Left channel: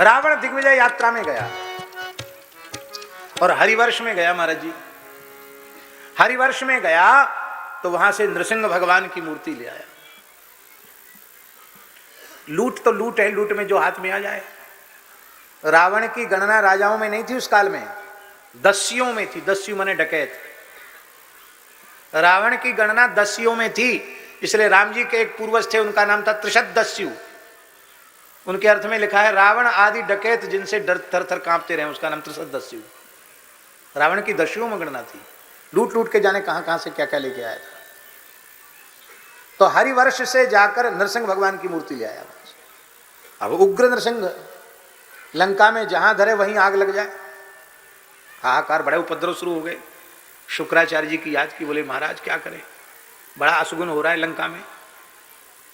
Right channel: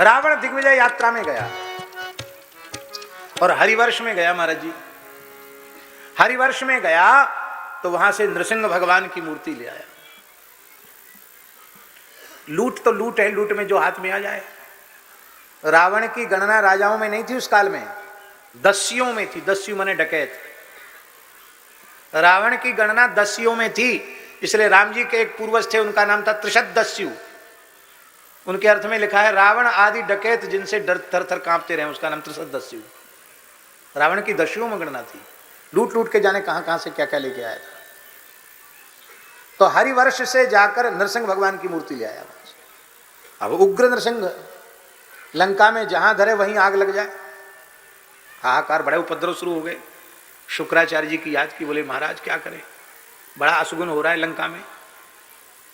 रावण दिग्विजय यात्रा में गया और हरिवर्ष में गया महाराज जी। हरिवर्ष में गया तो वहां से नृसिंह भगवान की मूर्ति ले आया। लूट तो लूट है, लूट में जो हाथ में आ जाए। रावण की गणना राजाओं में नहीं थी उस काल में, दस्युओं में थी। दस्यु माने डकैत। रावण की गणना दस्युओं में थी, इसलिए राम जी के एक पूर्वज थे, उनका नाम था त्रिशत दस्यु। उनके अर्थ में लिखा है रावण आदि डकैत जिनसे डर थर थर कांपते रहे, उसका नाम त्रिशत दस्यु। रावण की दस्युओं में गणना थी। लूट लूट के जाने कहां से क्या क्या लेके आए। तो हरिवर्ष से जाकर नरसिंह भगवान की मूर्ति ले आया। अब उग्र नरसिंह, लंका में जहां धरे वहीं आग लग जाए। हाहाकार, बड़े उपद्रव शुरू हो गए। शुक्राचार्य जी की याद की, बोले महाराज क्या करें, बड़ा अशुगुन हो रहा है लंका में।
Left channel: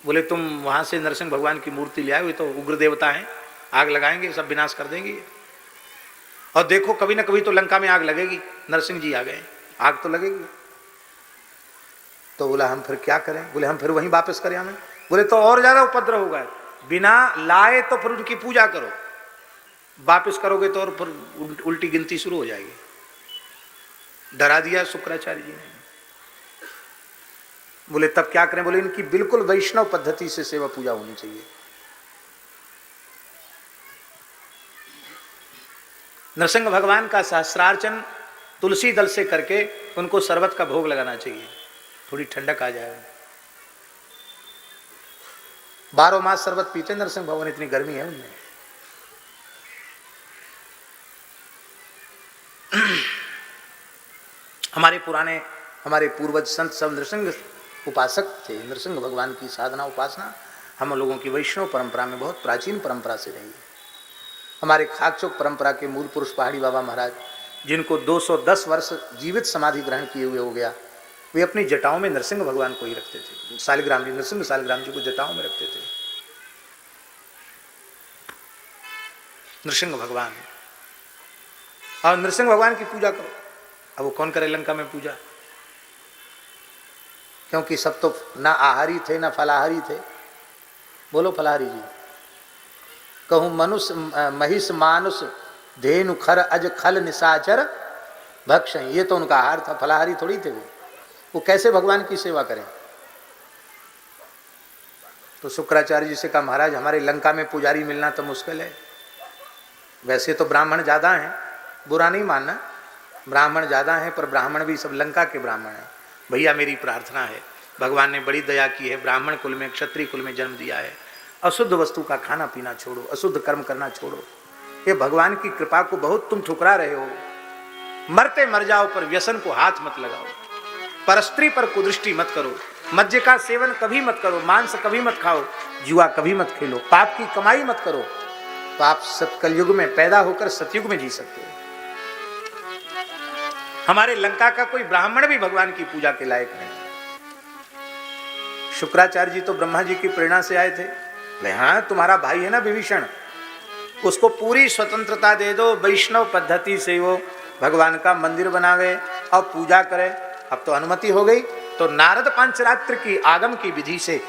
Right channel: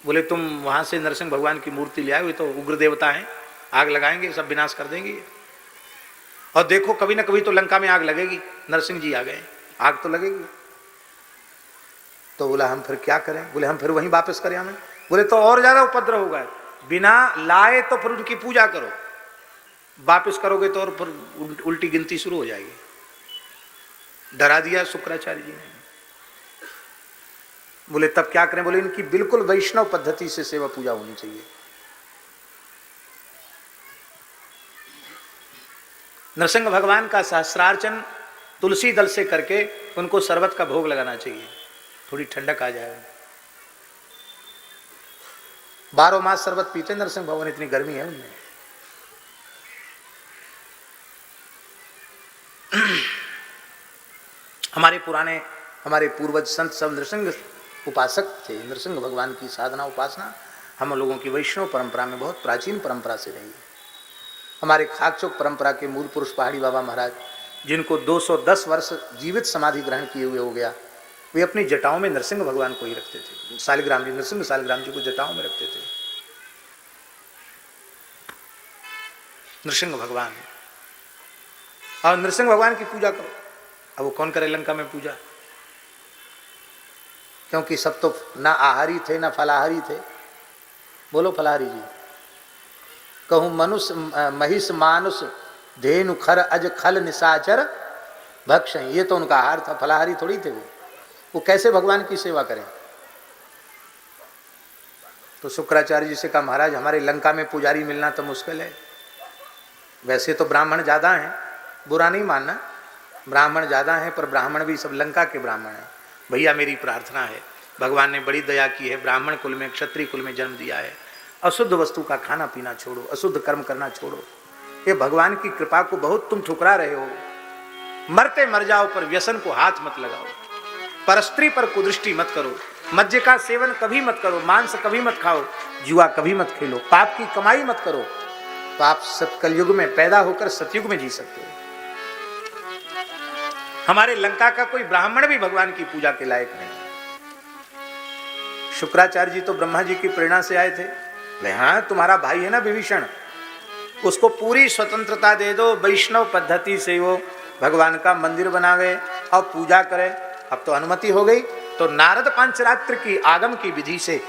बोले तुम वहां से नरसिंह भगवान की मूर्ति ले आए, वे तो उग्र देवता हैं, आग लगाएंगे, सब विनाश कर देंगे। और देखो कभी न कभी तो लंका में आग लगेगी। नरसिंह जी आ गए, आग तो लगेगी। तो बोला हम फिर क्या करें। बोले हम फिर वहीं वापस करें हमें। बोले तो और ज्यादा उपद्रव होगा, बिना लाए तो फिर उनकी पूजा करो, वापस करोगे तो और फिर उल्टी गिनती शुरू हो जाएगी। डरा दिया शुक्राचार्य जी ने। बोले तब क्या करें। बोले इनकी बिल्कुल वैष्णव पद्धति से सेवा पूजा होनी चाहिए। नरसिंह भगवान का सहस्रार्चन तुलसी दल से करके उनको शरबत का भोग लगाना चाहिए, थोड़ी ठंडक आ जाए। 12 मास शरबत पीते नरसिंह भगवान, इतनी गर्मी है उनमें। हमारे पूर्वज संत सब नृसिंह उपासक थे। नृसिंह भगवान की साधना उपासना हम लोगों की वैष्णव परंपरा में बहुत प्राचीन परंपरा से रही है। हमारे खाकचोक परंपरा के मूल पुरुष पहाड़ी बाबा महाराज, जिनको 210 वर्ष जीवित समाधि ग्रहण किए हुए हो गया, वे अपनी जटाओं में नरसिंह भगवान को ही रखते थे। शालिग्राम जी, नरसिंह शालिग्राम जी को जटाओं में रखते थे नरसिंह भगवान। और नरसिंह भगवान की पूजा करो। अब वो कौन करे लंका में पूजा, क्योंकि सब तो ना आहारी थे ना फलाहारी थे। बोलो फलाहारी जी। कहूं मनुष्य महिष मानुष धेनु खर अज खल निशाचर भक्ष, ये तो उनका आहार था, फलाहारी थोड़ी थे वो कैसे भगवान की सेवा करें। तो शुक्राचार्य जी से कहा महाराज हमारे लंका में पुजारी मिलना तो मुश्किल है। वैसे तो ब्राह्मण ज्यादा हैं, बुरा नहीं मानना, ब्राह्मण ज्यादा हैं, पर ब्राह्मण भी सब लंका के ब्राह्मण हैं। भैया मेरी प्रार्थना है, भगवान ने बड़ी दया की है, ब्राह्मण कुल में क्षत्रिय कुल में जन्म दिया है। अशुद्ध वस्तु का खाना पीना छोड़ो, अशुद्ध कर्म करना छोड़ो। ये भगवान की कृपा को बहुत तुम ठुकरा रहे हो। मरते मर जाओ पर व्यसन को हाथ मत लगाओ, परस्त्री पर कुदृष्टि मत करो, मद्य का सेवन कभी मत करो, मांस कभी मत खाओ, जुआ कभी मत खेलो, पाप की कमाई मत करो, तो आप कलयुग में पैदा होकर सतयुग में जी सकते हो। हमारे लंका का कोई ब्राह्मण भी भगवान की पूजा के लायक नहीं। शुक्राचार्य जी तो ब्रह्मा जी की प्रेरणा से आए थे। हाँ तुम्हारा भाई है ना विभीषण, उसको पूरी स्वतंत्रता दे दो, वैष्णव पद्धति से वो भगवान का मंदिर बनावे और पूजा करे। अब तो अनुमति हो गई। तो नारद पांचरात्र की आगम की विधि से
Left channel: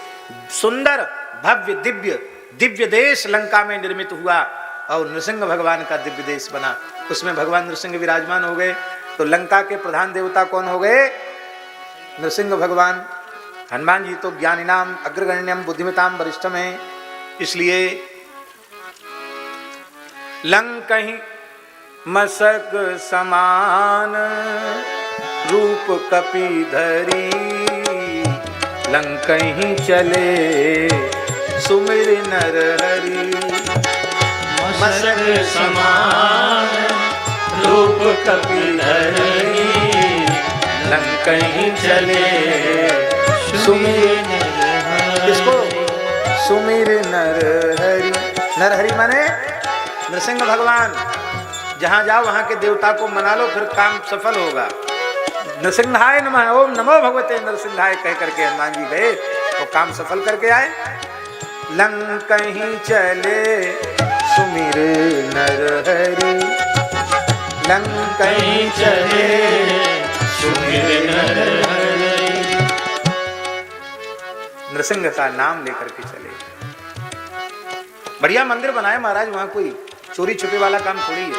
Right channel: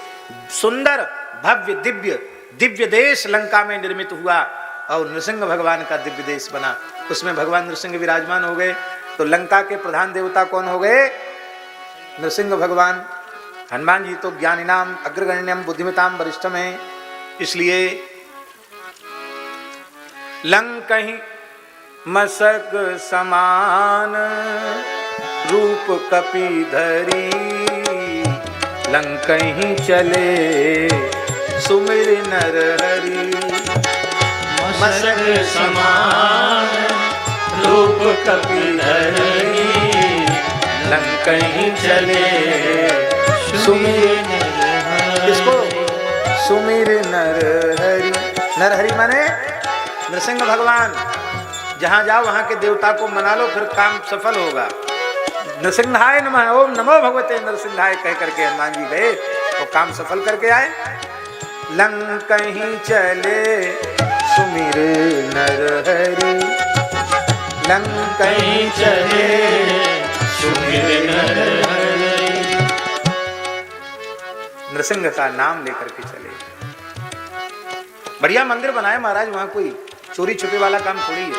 सुंदर भव्य दिव्य देश लंका में निर्मित हुआ और नृसिंह भगवान का दिव्य देश बना। उसमें भगवान नृसिंह विराजमान हो गए। तो लंका के प्रधान देवता कौन हो गए? नृसिंह भगवान। हनुमान जी तो ज्ञानिनाम अग्रगण्यम बुद्धिमताम वरिष्ठम है, इसलिए लंकहि मसक समान रूप कपिधरी, लंकहि चले सुमिर नर हरि। मसक समान रूप कपिधरी, लंकहि चले सुमिर नर हरि। किसको? सुमिर नर हरि। नर हरि माने नरसिंह भगवान। जहां जाओ वहां के देवता को मना लो, फिर काम सफल होगा। नरसिंहाय नमः, ओम नमो भगवते नरसिंहाय कह करके हनुमान जी गए, वो काम सफल करके आए। लंकहि चले सुमिर नर हरि, लंकहि चले सुमिर नर हरि। नरसिंह का नाम लेकर के चले। बढ़िया मंदिर बनाए महाराज, वहां कोई चोरी छुपे वाला काम थोड़ी है।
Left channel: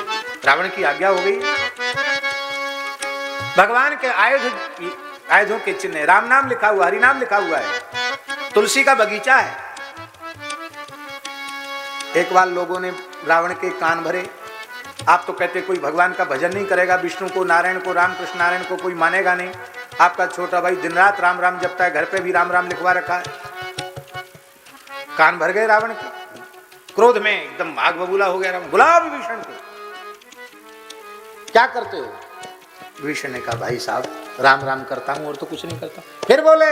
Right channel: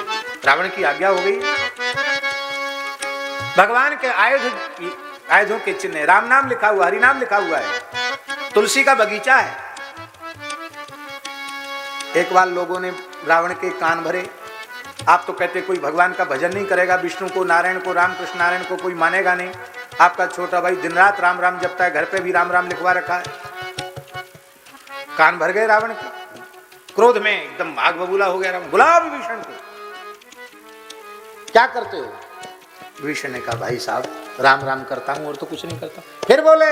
रावण की आज्ञा हो गई, भगवान के आयुधों के चिन्ह, राम नाम लिखा हुआ, हरि नाम लिखा हुआ है, तुलसी का बगीचा है। एक बार लोगों ने रावण के कान भरे। आप तो कहते कोई भगवान का भजन नहीं करेगा, विष्णु को, नारायण को, रामकृष्ण नारायण को कोई मानेगा नहीं। आपका छोटा भाई दिन रात राम राम जपता है, घर पे भी राम राम लिखवा रखा है। कान भर गए रावण के, क्रोध में एकदम भाग बबूला हो गया रावण। बुलाओ विभीषण को, क्या करते हो? विभीषण ने कहा भाई साहब राम राम करता हूं और तो कुछ नहीं करता। फिर बोले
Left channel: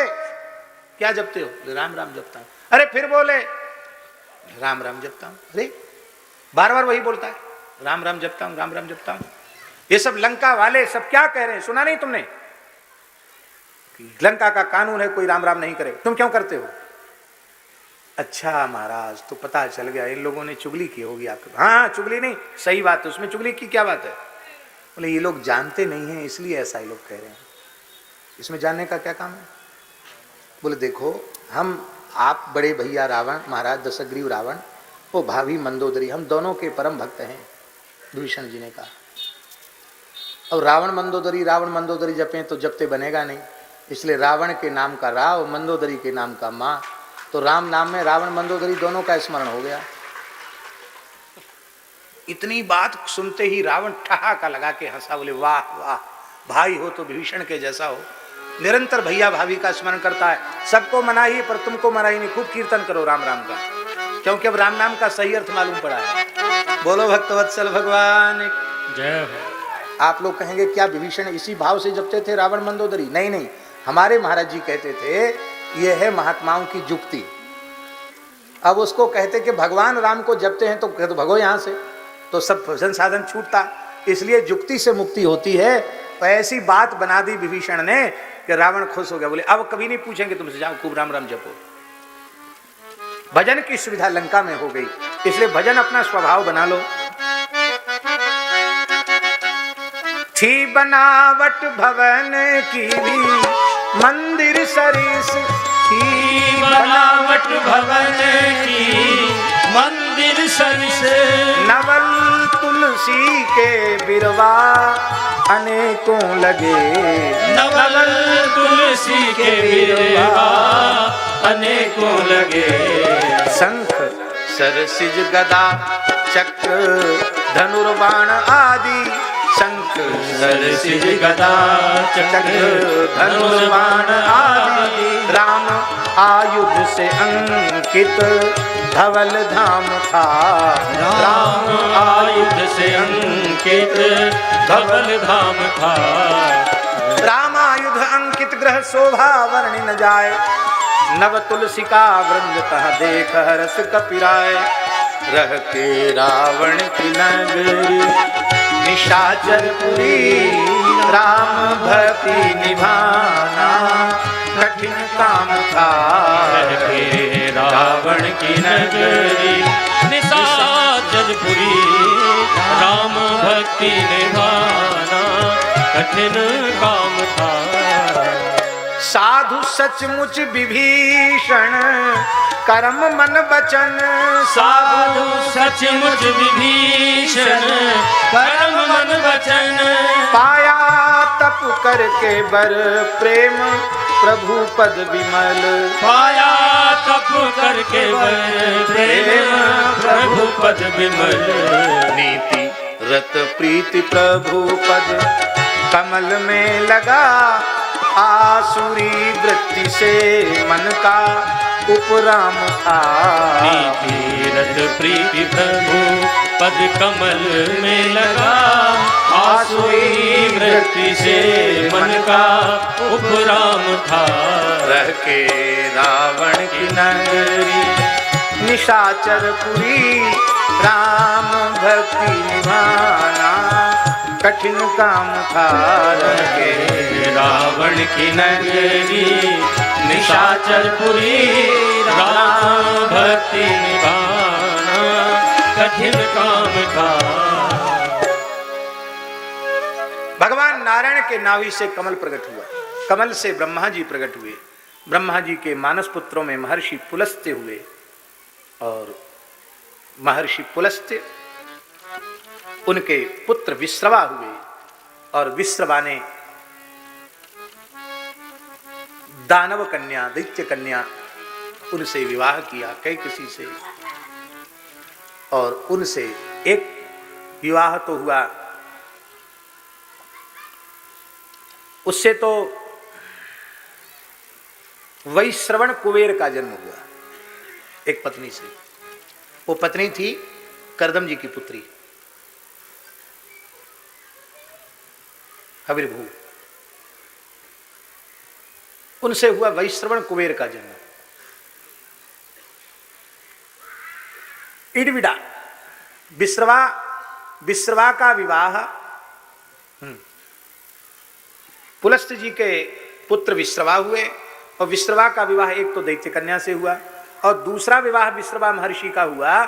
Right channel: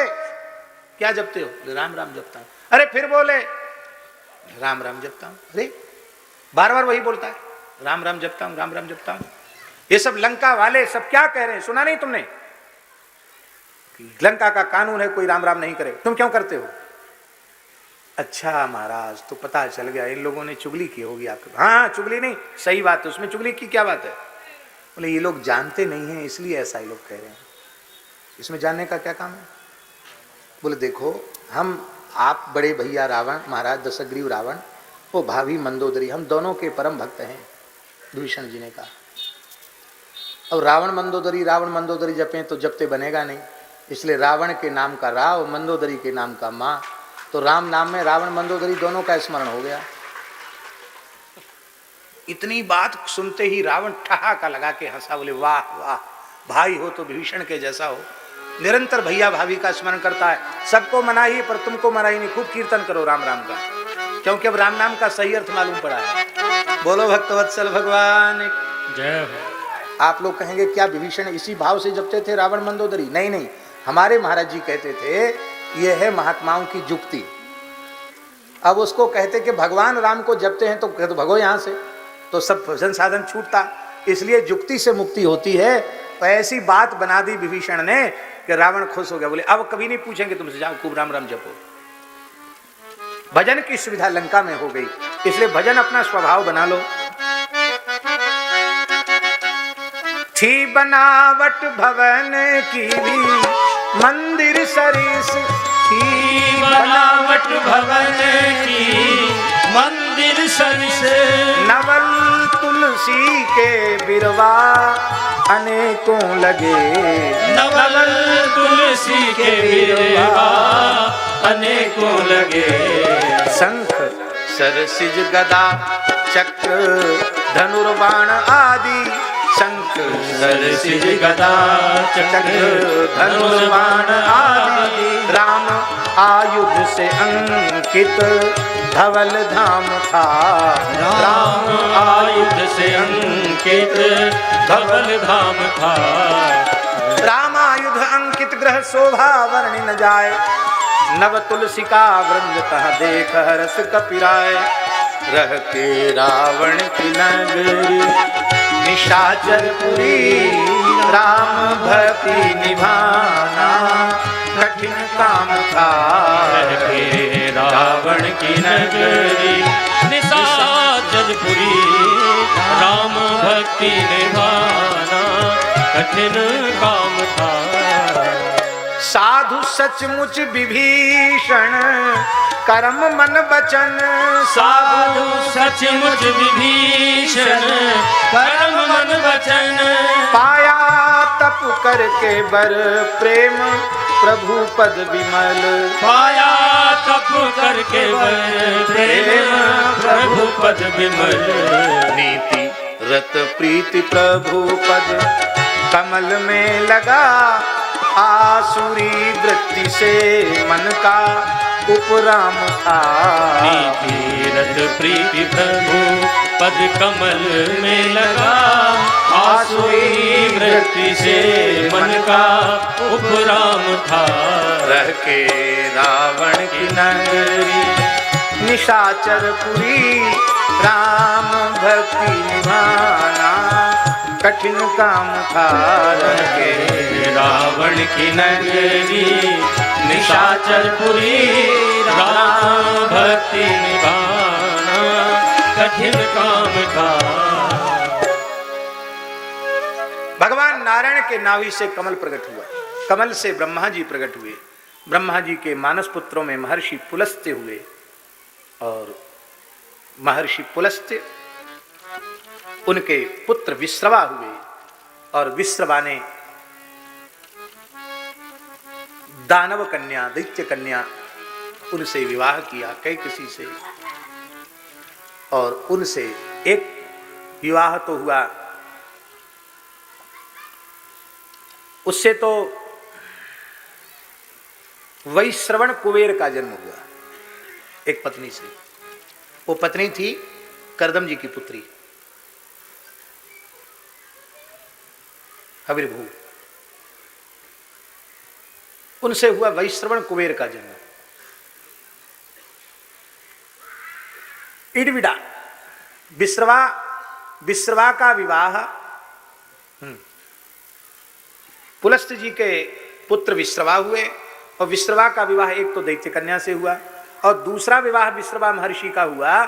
क्या जपते हो? राम राम जपता हूं। अरे फिर बोले राम राम जपता हूं। अरे बार बार वही बोलता है, राम राम जपता हूं, राम राम जपता हूं। ये सब लंका वाले सब क्या कह रहे हैं, सुना नहीं तुमने? लंका का कानून है कोई राम राम नहीं करे, तुम क्यों करते हो? अच्छा महाराज तो पता चल गया इन लोगों ने चुगली की होगी आपके। हाँ चुगली नहीं, सही बात है, उसमें चुगली की क्या बात है? बोले ये लोग जानते नहीं हैं इसलिए ऐसा ही लोग कह रहे हैं, इसमें जानने का क्या काम है? बोले देखो हम, आप बड़े भैया रावण, महाराज दशग्रीव रावण, वो भाभी मंदोदरी, हम दोनों के परम भक्त हैं। विभीषण जी ने कहा अब रावण मंदोदरी जपें तो जपते बनेगा नहीं, इसलिए रावण के नाम का राव, मंदोदरी के नाम का माँ, तो राम नाम में रावण मंदोदरी दोनों का स्मरण हो गया। इतनी बात सुनते ही रावण ठहाका लगा के हंसा। बोले वाह वाह, भाई हो तो विभीषण के जैसा हो, निरंतर भैया भाभी का स्मरण करता है, सबको मनाही पर तुमको मनाही नहीं। खूब कीर्तन करो राम राम का, क्योंकि अब राम नाम का सही अर्थ मालूम पड़ा है। बोलो भक्तवत्सल भगवान जय हो। आप लोग कहेंगे क्या विभीषण इसी भाव से जपते थे रावण मंदोदरी? नहीं नहीं, हमारे महाराज जी कहते थे ये है महात्माओं की जुक्ति। अब उसको कहते कि भगवान राम को जपते हैं तो कहते भगो यहां से, तो सब भजन साधन छूटता, इसलिए जुक्ति से मुक्ति होती है। तो ऐसी बात बना दी विभीषण ने कि रावण खुश हो गया। बोले अब कभी नहीं पूछेंगे तुमसे, जाओ खूब राम राम जपो। भजन की सुविधा लंका में हो गई, इसलिए भजन अपना स्वभाव बना लो। थी बनावट भवन की भी मंदिर सरिस, थी बनावट भवन की मंदिर सरिस, नवल तुलसी के बिरवा अनेकों लगे, नवल तुलसी के बिरवा अनेकों लगे। शंख सरसिज गदा चक्र धनुर्बाण आदि, शंख सरसिज गदा चक्र धनुर्बाण आदि, राम आयुध से अंकित धवल धाम था, राम आयुध से अंकित धवल धाम था। राम आयुध अंकित ग्रह शोभा वर्णि न जाए, नव तुलसी का वृंद कह देख हर्ष कपिराय, रहते रावण की नगरी निशाचरपुरी, राम भक्ति निभाना कठिन काम था, रहते रावण की नगरी निशाचरपुरी, राम भक्ति निभाना कठिन काम था। साधु सचमुच विभीषण कर्म मन वचन, साधु सचमुच विभीषण कर्म मन वचन, पाया तप करके बर प्रेम प्रभु पद विमल, पाया तप करके वर प्रेम प्रभु पद विमल, नीति रत प्रीति प्रभु पद कमल में लगा, आसुरी वृत्ति से मन का उपराम था, नीति रत प्रीति प्रभु पद कमल में लगा, आसुरी वृत्ति से मन का उपराम था। रहते रावण की नगरी निशाचरपुरी, राम भक्ति निभाना कठिन काम था, रहते रावण की नगरी निशाचरपुरी, राम भक्ति निभाना कठिन काम था। भगवान नारायण के नाभि से कमल प्रकट हुआ, कमल से ब्रह्मा जी प्रकट हुए, ब्रह्मा जी के मानस पुत्रों में महर्षि पुलस्त्य हुए, और महर्षि पुलस्त्य, उनके पुत्र विश्रवा हुए और विश्रवा ने दानव कन्या, दैत्य कन्या, उनसे विवाह किया कैकसी से। और उनसे एक विवाह तो हुआ, उससे तो वैश्रवण कुबेर का जन्म हुआ एक पत्नी से। वो पत्नी थी करदम जी की पुत्री कबीर भोग। उनसे हुआ वैश्रवण कुबेर का जन्म। इडविडा, विश्रवा का विवाह पुलस्त जी के पुत्र विश्रवा हुए, और विश्रवा का विवाह एक तो दैत्य कन्या से हुआ, और दूसरा विवाह विश्रवा महर्षि का हुआ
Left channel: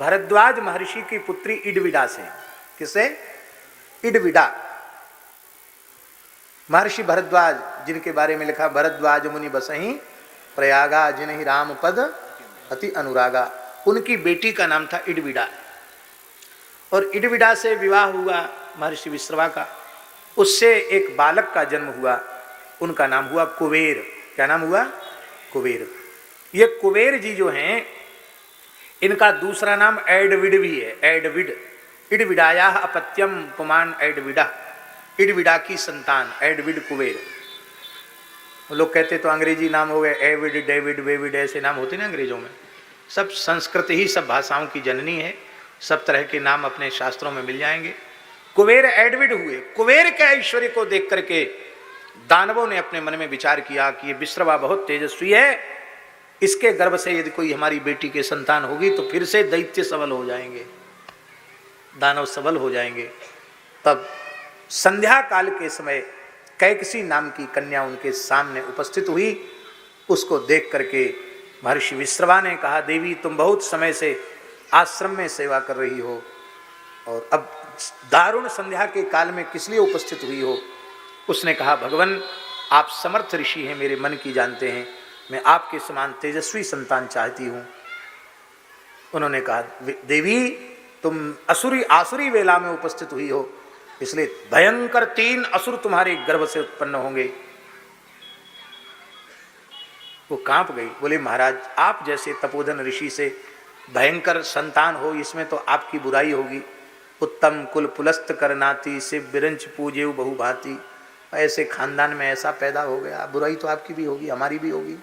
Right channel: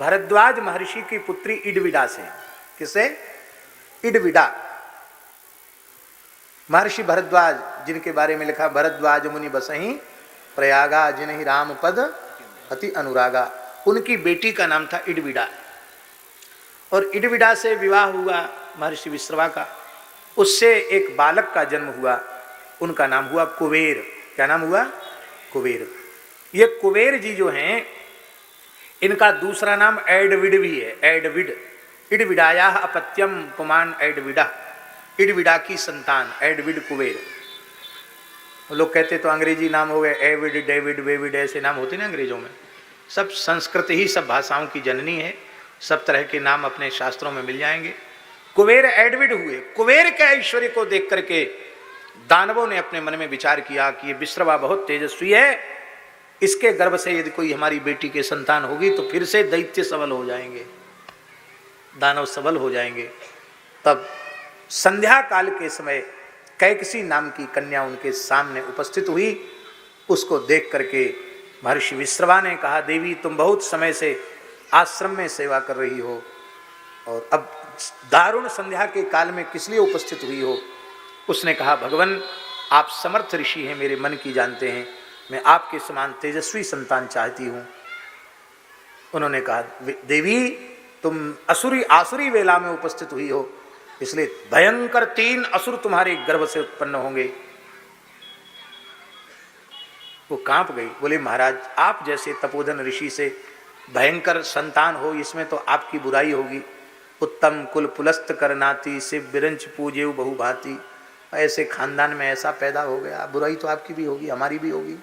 भरद्वाज महर्षि की पुत्री इडविडा से। किससे? इडविडा। महर्षि भरद्वाज, जिनके बारे में लिखा भरद्वाज मुनि बसहि प्रयागा जिन्हि राम पद अति अनुरागा, उनकी बेटी का नाम था इडविडा। और इडविडा से विवाह हुआ महर्षि विश्रवा का, उससे एक बालक का जन्म हुआ, उनका नाम हुआ कुबेर। क्या नाम हुआ? कुबेर। ये कुबेर जी जो हैं, इनका दूसरा नाम एडविड भी है, एडविड। इडविडाया अपत्यम पुमान एडविडा, इडविडा की संतान एडविड कुबेर। लोग कहते तो अंग्रेजी नाम हो गए, एविड, डेविड, वेविड, ऐसे नाम होते ना अंग्रेजों में। सब संस्कृत ही सब भाषाओं की जननी है, सब तरह के नाम अपने शास्त्रों में मिल जाएंगे। कुबेर एडविड हुए। कुबेर के ऐश्वर्य को देख करके दानवों ने अपने मन में विचार किया कि ये विश्रवा बहुत तेजस्वी है, इसके गर्भ से यदि कोई हमारी बेटी की संतान होगी तो फिर से दैत्य सवन हो जाएंगे, दानव सबल हो जाएंगे। तब संध्या काल के समय कैकसी नाम की कन्या उनके सामने उपस्थित हुई। उसको देख करके महर्षि विश्रवा ने कहा, देवी तुम बहुत समय से आश्रम में सेवा कर रही हो, अब दारुण संध्या के काल में किस लिए उपस्थित हुई हो? उसने कहा, भगवान आप समर्थ ऋषि हैं, मेरे मन की जानते हैं, मैं आपके समान तेजस्वी संतान चाहती हूं। उन्होंने कहा, देवी तुम आसुरी वेला में उपस्थित हुई हो, इसलिए भयंकर 3 असुर तुम्हारे गर्भ से उत्पन्न होंगे। वो कांप गई, बोले महाराज आप जैसे तपोधन ऋषि से भयंकर संतान हो, इसमें तो आपकी बुराई होगी। उत्तम कुल पुलस्त करनाती, शिव बिरंच पूजे बहुभांति, ऐसे खानदान में ऐसा पैदा हो गया, बुराई तो आपकी भी होगी, हमारी भी होगी,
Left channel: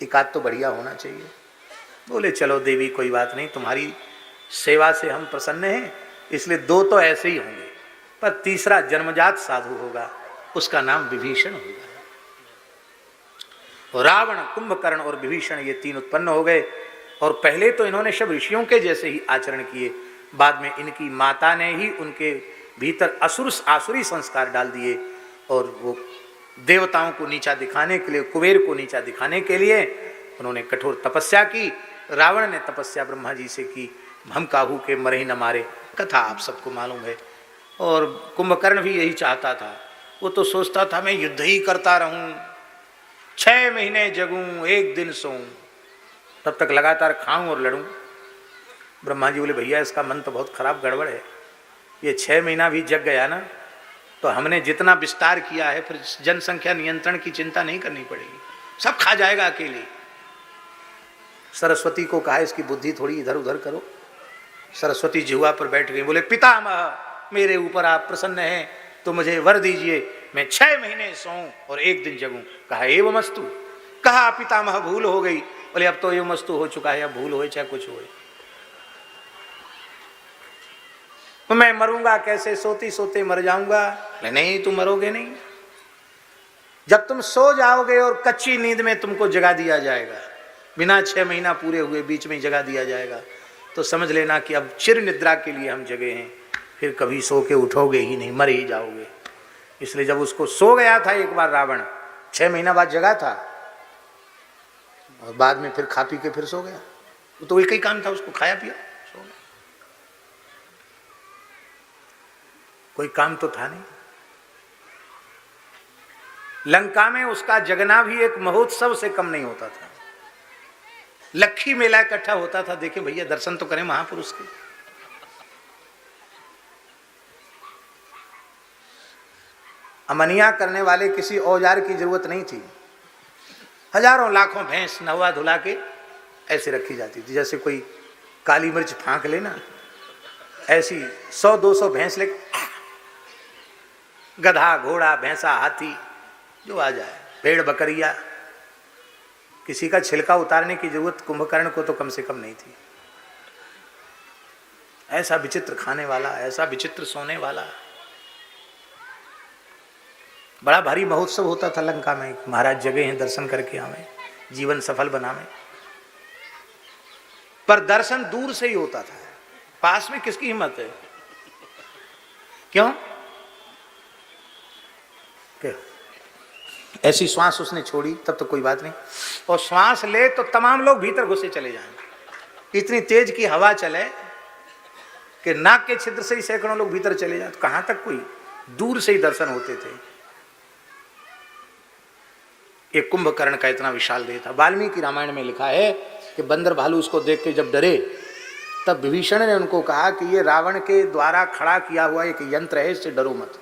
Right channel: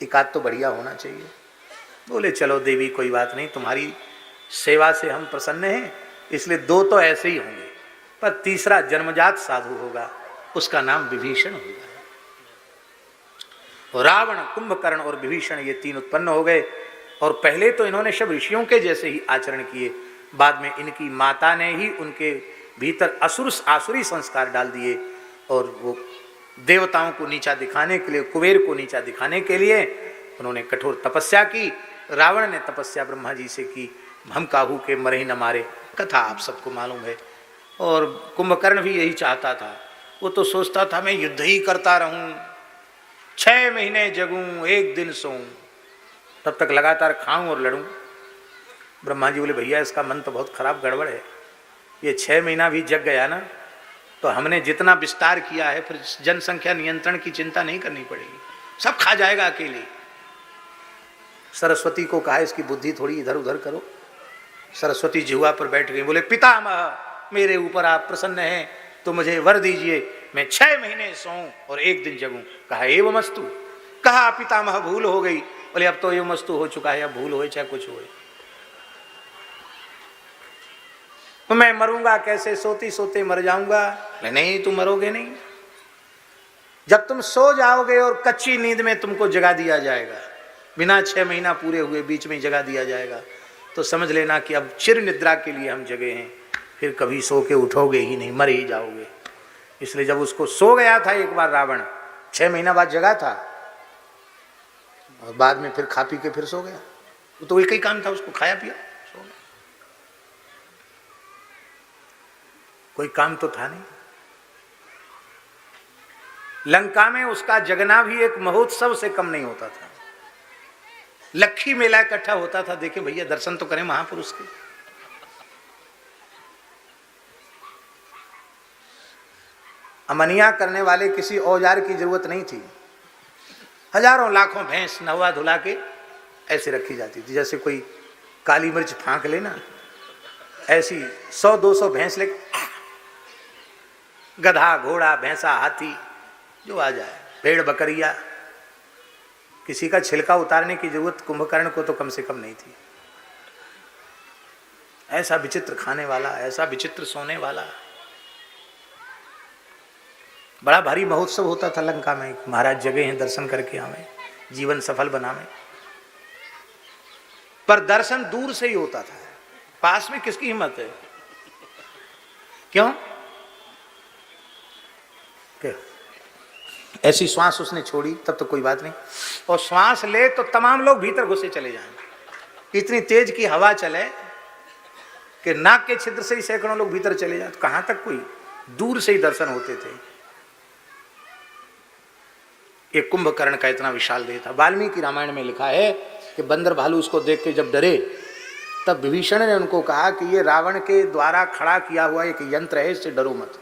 एकाध तो बढ़िया होना चाहिए। बोले चलो देवी कोई बात नहीं, तुम्हारी सेवा से हम प्रसन्न हैं, इसलिए 2 तो ऐसे ही होंगे, पर तीसरा जन्मजात साधु होगा, उसका नाम विभीषण होगा। रावण, कुंभकर्ण और विभीषण ये 3 उत्पन्न हो गए। और पहले तो इन्होंने सब ऋषियों के जैसे ही आचरण किए, बाद में इनकी माता ने ही उनके भीतर आसुरी संस्कार डाल दिए, और वो देवताओं को नीचा दिखाने के लिए, कुबेर को नीचा दिखाने के लिए उन्होंने कठोर तपस्या की। रावण ने तपस्या ब्रह्मा जी से की, हम काहू के मरे ही न मारे, कथा आप सबको मालूम है। और कुंभकर्ण भी यही चाहता था, वो तो सोचता था मैं युद्ध ही करता रहूं, 6 महीने जगूं, 1 दिन सोऊं, तब तक लगातार खाऊं और लड़ूं। ब्रह्मा जी बोले भैया इसका मन तो बहुत खराब गड़बड़ है, ये 6 महीना भी जग गया ना तो हमने जितना विस्तार किया है फिर जनसंख्या नियंत्रण की चिंता नहीं करनी पड़ेगी, सब खा जाएगा अकेले। सरस्वती को कहा इसकी बुद्धि थोड़ी इधर उधर करो। सरस्वती जिह्वा पर बैठ गई, बोले पितामह मेरे ऊपर आप प्रसन्न हैं तो मुझे वर दीजिए, मैं 6 महीने सोऊं और 1 दिन जगूं। कहा एवमस्तु। कहा पितामह भूल हो गई। बोले अब तो एवमस्तु हो चुका है, अब भूल हो चाहे कुछ हो, तो मैं मरूंगा कैसे? सोती सोते मर जाऊंगा। नहीं तुम मरोगे नहीं, जब तुम सो जाओगे और कच्ची नींद में तुमको जगा दिया जाएगा, बिना 6 महीना पूरे हुए बीच में जगा दिया जाएगा, तो समझ लेना कि अब चिर निद्रा के लिए हम जगे हैं, फिर कभी सो के उठोगे ही नहीं, मर ही जाओगे। इसलिए जब उसको सो गया था एक बार रावण, 6 महीना बाद जगा था और बाद में फिर खा पी के फिर सो गया, तो एक ही काम था, उसको खाया पिया सो गया, कोई काम तो था नहीं। लंका में उसका जगना भी एक महोत्सव से कम नहीं होता था। लखी मेला इकट्ठा होता था, देखे भैया दर्शन तो करें महापुरुष के। अमनिया करने वाले किसी औजार की जरूरत नहीं थी। हजारों लाखों भैंस नवा धुला के ऐसे रखी जाती थी, जैसे कोई काली मिर्च फाड़ ले ना, ऐसी 100-200 भैंस, गधा घोड़ा भैंसा हाथी जो आ जाए, पेड़ बकरिया, किसी का छिलका उतारने की जरूरत कुंभकर्ण को तो कम से कम नहीं थी। ऐसा विचित्र खाने वाला, ऐसा विचित्र सोने वाला। बड़ा भारी महोत्सव होता था लंका में, महाराज जगह हैं दर्शन करके आवे, जीवन सफल बनावे। पर दर्शन दूर से ही होता था, पास में किसकी हिम्मत है? क्यों? ऐसी श्वास उसने छोड़ी तब तो कोई बात नहीं, और श्वास ले तो तमाम लोग भीतर घुसे चले जाएंगे। इतनी तेज की हवा चले कि नाक के छिद्र से ही सैकड़ों लोग भीतर चले जाए, तो कहां तक कोई, दूर से ही दर्शन होते थे। एक कुंभकर्ण का इतना विशाल देह था। वाल्मीकि रामायण में लिखा है कि बंदर भालू उसको देख के जब डरे, तब विभीषण ने उनको कहा कि ये रावण के द्वारा खड़ा किया हुआ एक यंत्र है, इससे डरो मत।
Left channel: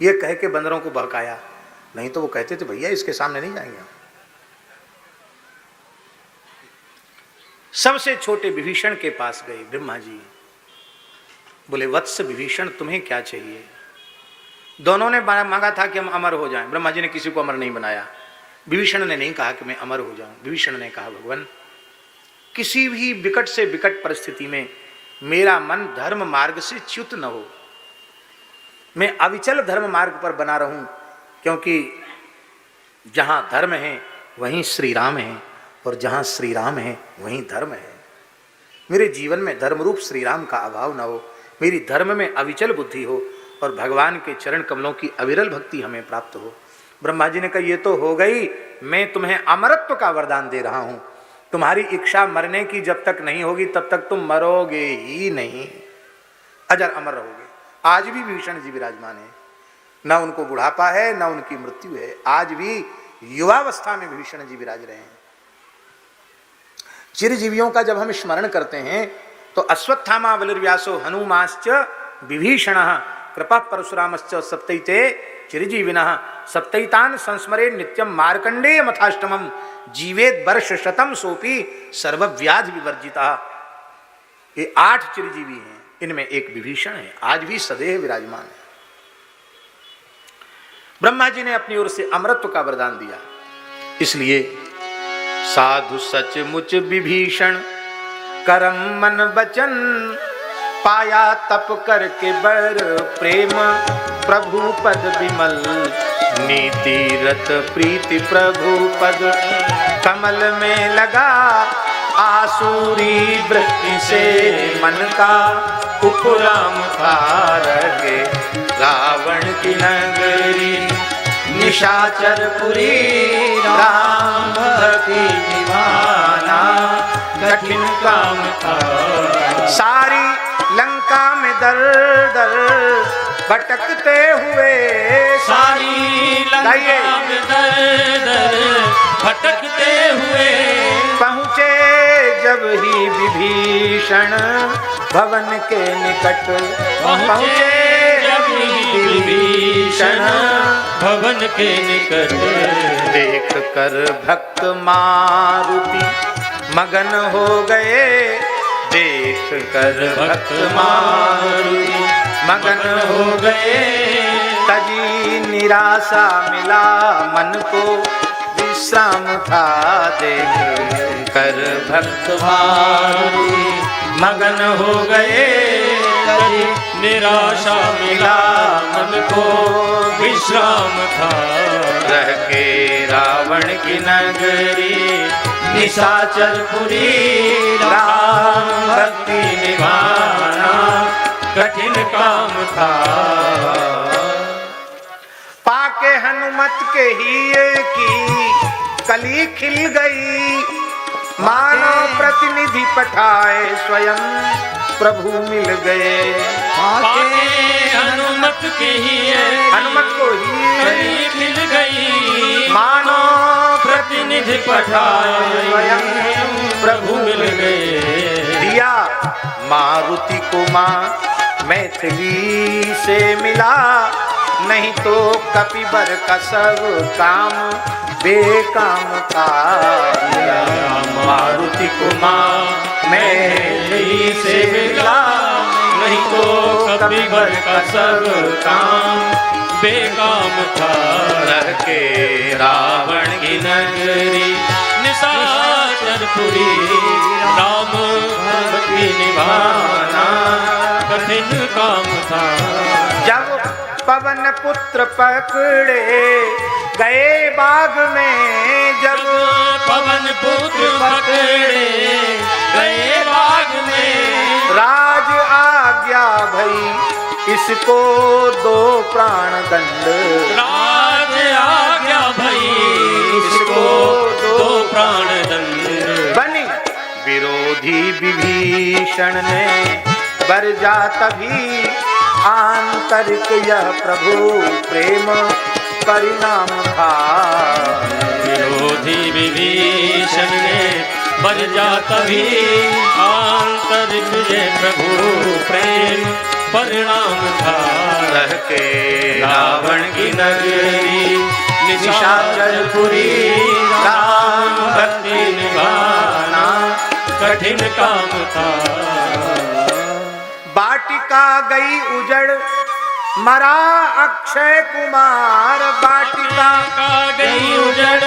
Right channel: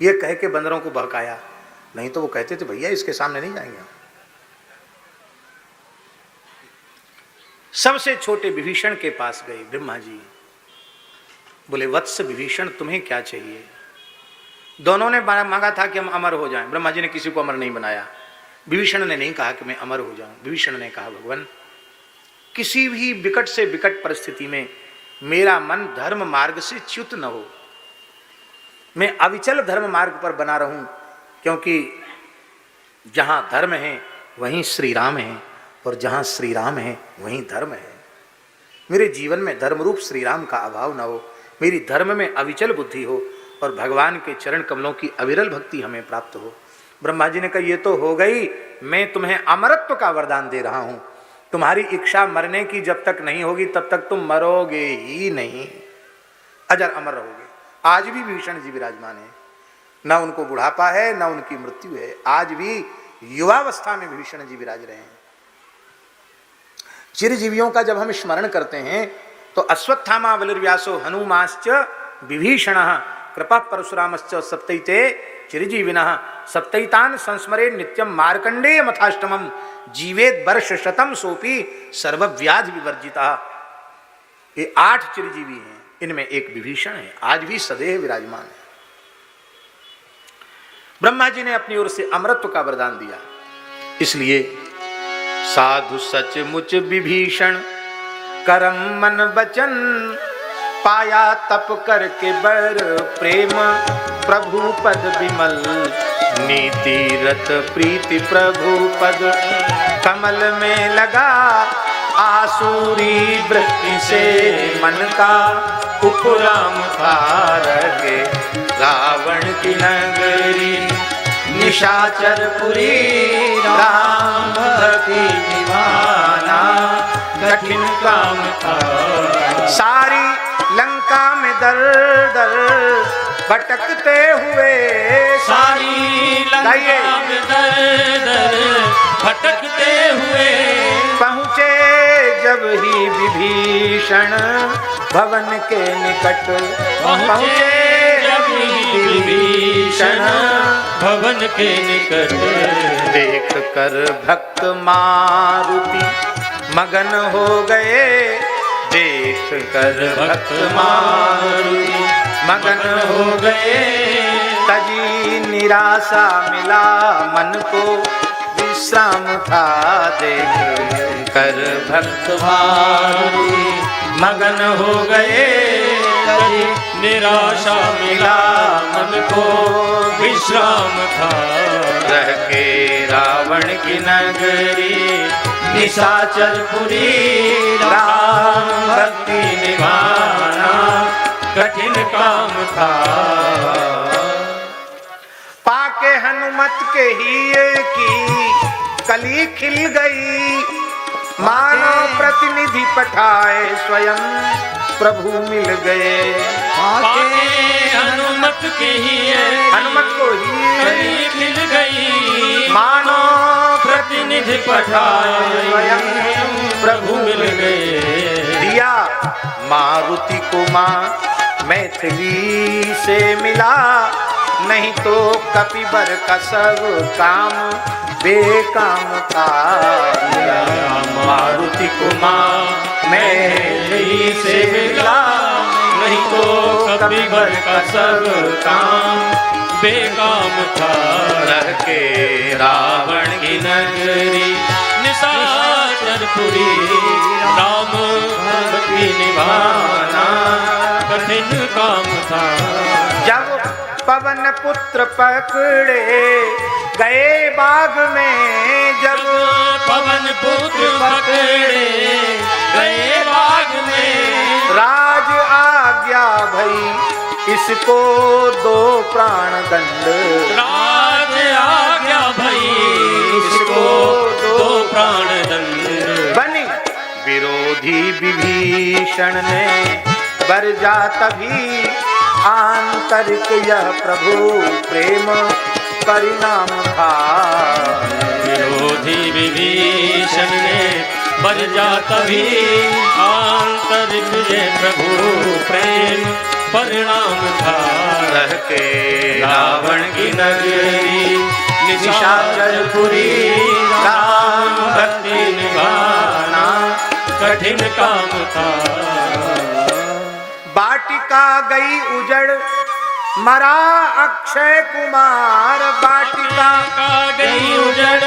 ये कह के बंदरों को बहकाया, नहीं तो वो कहते थे भैया इसके सामने नहीं जाएंगे। सबसे छोटे विभीषण के पास गए ब्रह्मा जी, बोले वत्स विभीषण तुम्हें क्या चाहिए? दोनों ने मांगा था कि हम अमर हो जाएं। ब्रह्मा जी ने किसी को अमर नहीं बनाया। विभीषण ने नहीं कहा कि मैं अमर हो जाऊं। विभीषण ने कहा भगवान किसी भी विकट से विकट परिस्थिति में मेरा मन धर्म मार्ग से च्युत न हो, मैं अविचल धर्म मार्ग पर बना रहूं, क्योंकि जहां धर्म है वहीं श्री राम है, और जहां श्री राम है वहीं धर्म है। मेरे जीवन में धर्म रूप श्री राम का अभाव न हो, मेरी धर्म में अविचल बुद्धि हो, और भगवान के चरण कमलों की अविरल भक्ति हमें प्राप्त हो। ब्रह्मा जी ने कहा ये तो हो गई, मैं तुम्हें अमरत्व का वरदान दे रहा हूं। तुम्हारी इच्छा मरने की जब तक नहीं होगी तब तक तुम मरोगे ही नहीं, अजर अमर रहोगे। आज भी विभीषण जी विराजमान है, न उनको बुढ़ापा है न उनकी मृत्यु है, आज भी युवावस्था में विभीषण जी विराज रहे हैं। चिरजीवियों का जब हम स्मरण करते हैं तो अश्वत्थामा बलिर्व्यासो हनुमाश्च विभीषण कृपा परशुरामश्च सप्तैते चिरजीविनः सप्तैतान संस्मरे नित्यम मार्कंडेय मथाष्टमम जीवेत वर्ष शतम सोपी सर्वव्याधि विवर्जिता। ये 8 चिरजीवी हैं, इनमें एक विभीषण है, आज भी सदैव विराजमान है। ब्रह्मा जी ने अपनी ओर से अमरत्व का वरदान दिया, इसलिए साधु सचमुच विभीषण करम मन वचन पाया तप करके बर प्रेम प्रभु पद विमल नीति रत प्रीति प्रभु पद कमल में लगा आसुरी वृत्ति से मन का उपराम तारके रावण की नगरी निशाचरपुरी राम भक्ति दीवाना कठिन काम था। सारी लंका में दर दर भटकते हुए, सारी लंका में दर दर भटकते हुए पहुँचे जब ही विभीषण भवन के निकट, पहुँचे जब ही विभीषण भवन के निकट। देख कर भक्त मारुति मगन हो गए, देख कर भक्त मारुति मगन हो गए, तजी निराशा मिला मन को विषम था। देख कर भक्त मारुति मगन हो गए, तजी निराशा मिला मन को विश्राम के रावण की नगरी निशाचरपुरी भक्ति निभाना कठिन काम था। पाके हनुमत के हीरे की कली खिल गई, मानो प्रतिनिधि पठाए स्वयं प्रभु मिल गए। पाके हनुमत के हीरे, हनुमत को कली मिल गई, मानो प्रतिनिधि पठाए प्रभु के दिया मारुति को मां मैथिली से मिला, नहीं तो कपिवर का सब काम बेकाम था। मारुति को मां मैथिली से मिला, नहीं तो कपिवर का सब काम बेकाम था। रह के रावण की नगरी निशाचरपुरी, राम भक्ति निभाना कठिन काम था। जब पवन पुत्र पकड़े गए बाग में, जब पवन पुत्र पकड़े गए बाग में, राज आज्ञा भई इसको दो प्राण दंड, राज आज्ञा भई इसको दो प्राण दंड। बनी विरोधी विभीषण ने बरजा तभी, आंतरिक यह प्रभु प्रेम परिणाम था। विरोधी विभीषण ने बरजा तभी, आंतरिक यह प्रभु प्रेम परिणाम था। रह के रावण की नगरी निशाचरपुरी, राम भक्ति निभाना कठिन काम था। बाटिका गई उजड़ मरा अक्षय कुमार, बाटिका का गई उजड़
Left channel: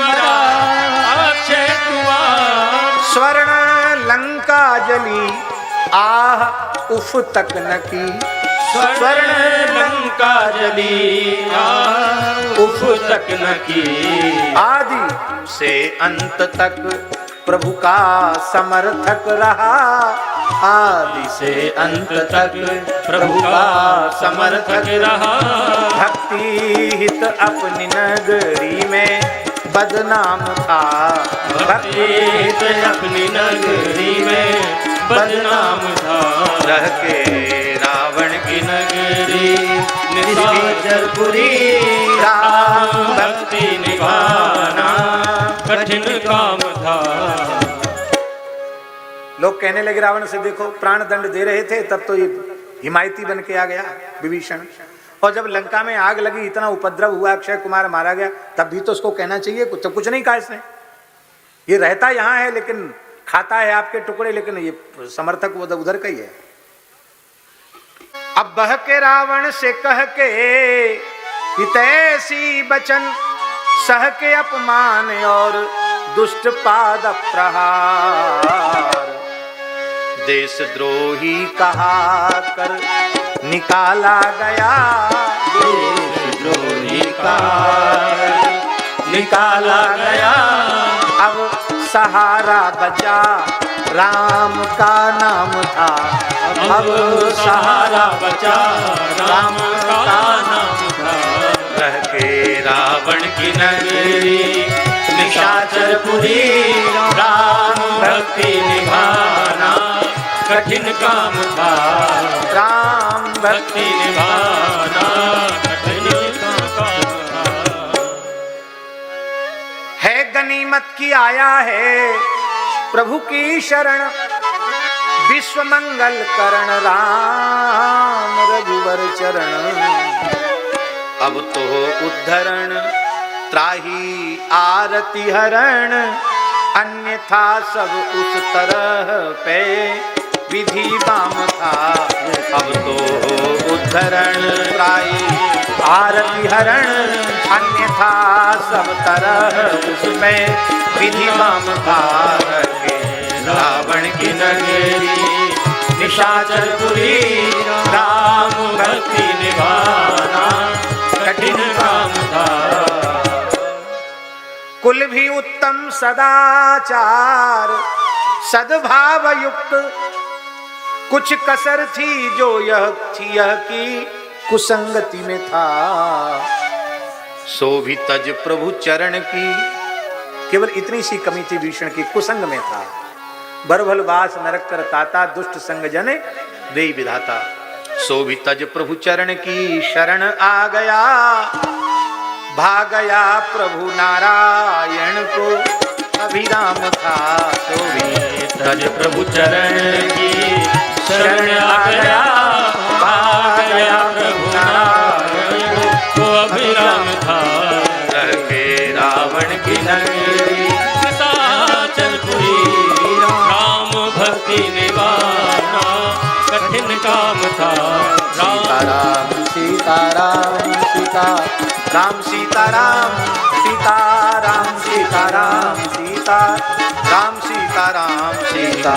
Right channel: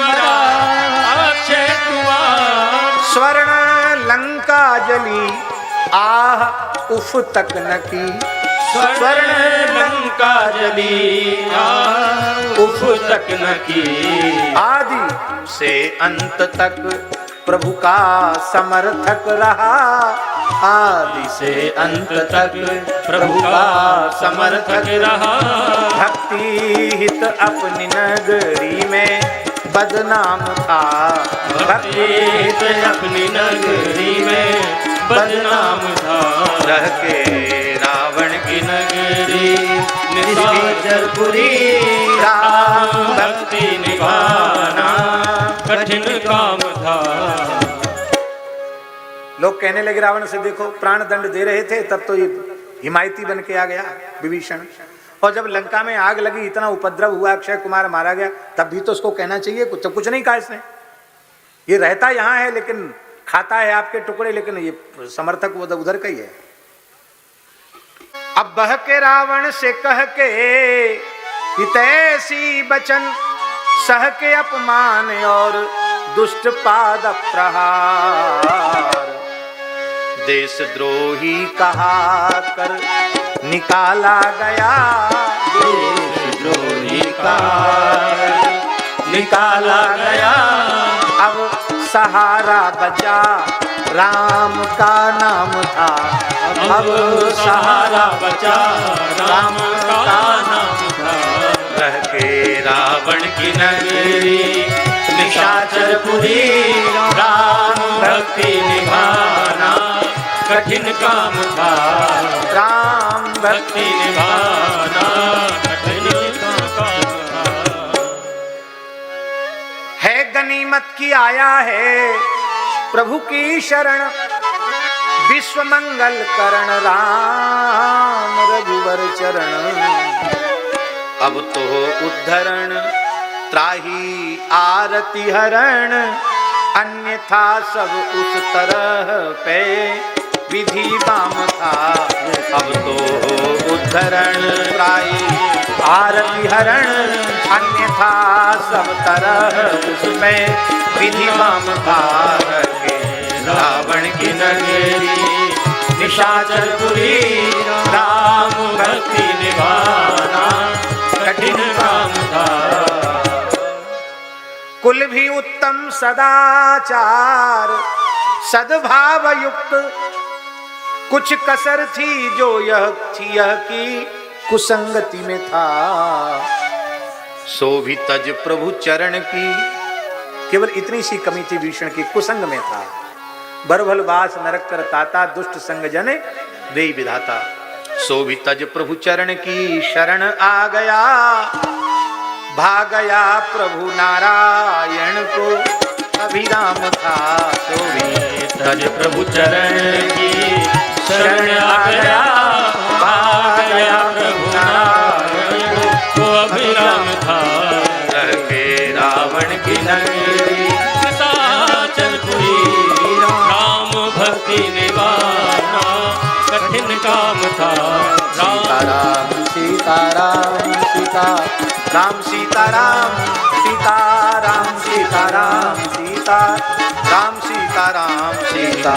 मरा अक्षय कुमार, स्वर्ण लंका जली आह उफ तक न की, स्वर्ण लंका जली उफ तक न की। आदि से अंत तक प्रभु का समर्थक रहा, आदि से अंत तक प्रभु का समर्थक रहा। भक्ति हित अपनी नगरी में बदनाम था, भक्ति हित अपनी नगरी में बदनाम था। रह के रावण की नगरी निशाचरपुरी, राम भक्ति निभाना कठिन काम था। लोग कहने लगे रावण से, देखो प्राण दंड दे रहे थे तब तो ये हिमायती बन के आ गया विभीषण, और जब लंका में आग लगी इतना उपद्रव हुआ, अक्षय कुमार मारा गया, तब भी तो उसको कहना चाहिए, कुछ नहीं कहा इसने। ये रहता यहाँ है लेकिन खाता है आपके टुकड़े, लेकिन ये समर्थक वो उधर का ही है। अब बह के रावण से कह के हितैषी बचन, सह के अपमान और दुष्ट पाद प्रहार, देशद्रोही कहा कर निकाला गया, देशद्रोही का निकाला गया। अब सहारा बचा राम का नाम था, अब सहारा बचा राम का नाम था। रह के रावण की नगरी निशाचरपुरी, राम भक्ति निभाना कठिन काम था। राम भक्ति निभाना है, गनीमत की आया है प्रभु की शरण, विश्व मंगल करण राम रघुवर चरण। अब तो उद्धरण त्राही आरती हरण, अन्यथा सब उस तरह पे विधि काम था। अब तो उद्धरण त्राही आरती हरण, अन्यथा सब तरह उसमें विधि काम था। रावण की नगरी निशाचरपुरी, राम भक्ति निभाना कठिन काम था। कुल भी उत्तम सदाचार सद्भाव युक्त, कुछ कसर थी जो यह थी यह की कुसंगति में था। सो भी तज प्रभु चरण की, केवल इतनी सी कमी थी भीषण की, कुसंग में था। बरभल वास नरक कर ताता, दुष्ट संग जन देई विधाता। सो भी तज प्रभु चरण की शरण आ गया, भागया प्रभु नारायण को अभिराम था। सो भी तज प्रभु चरण की शरण आ गया प्रभु नारायण तो अभिराम था रहते रावण की नगरी निशाचरपुरी राम भक्ति निवारण कठिन काम था सीताराम सीता राम सीताराम सीताराम सीताराम सीता राम सीताराम सीता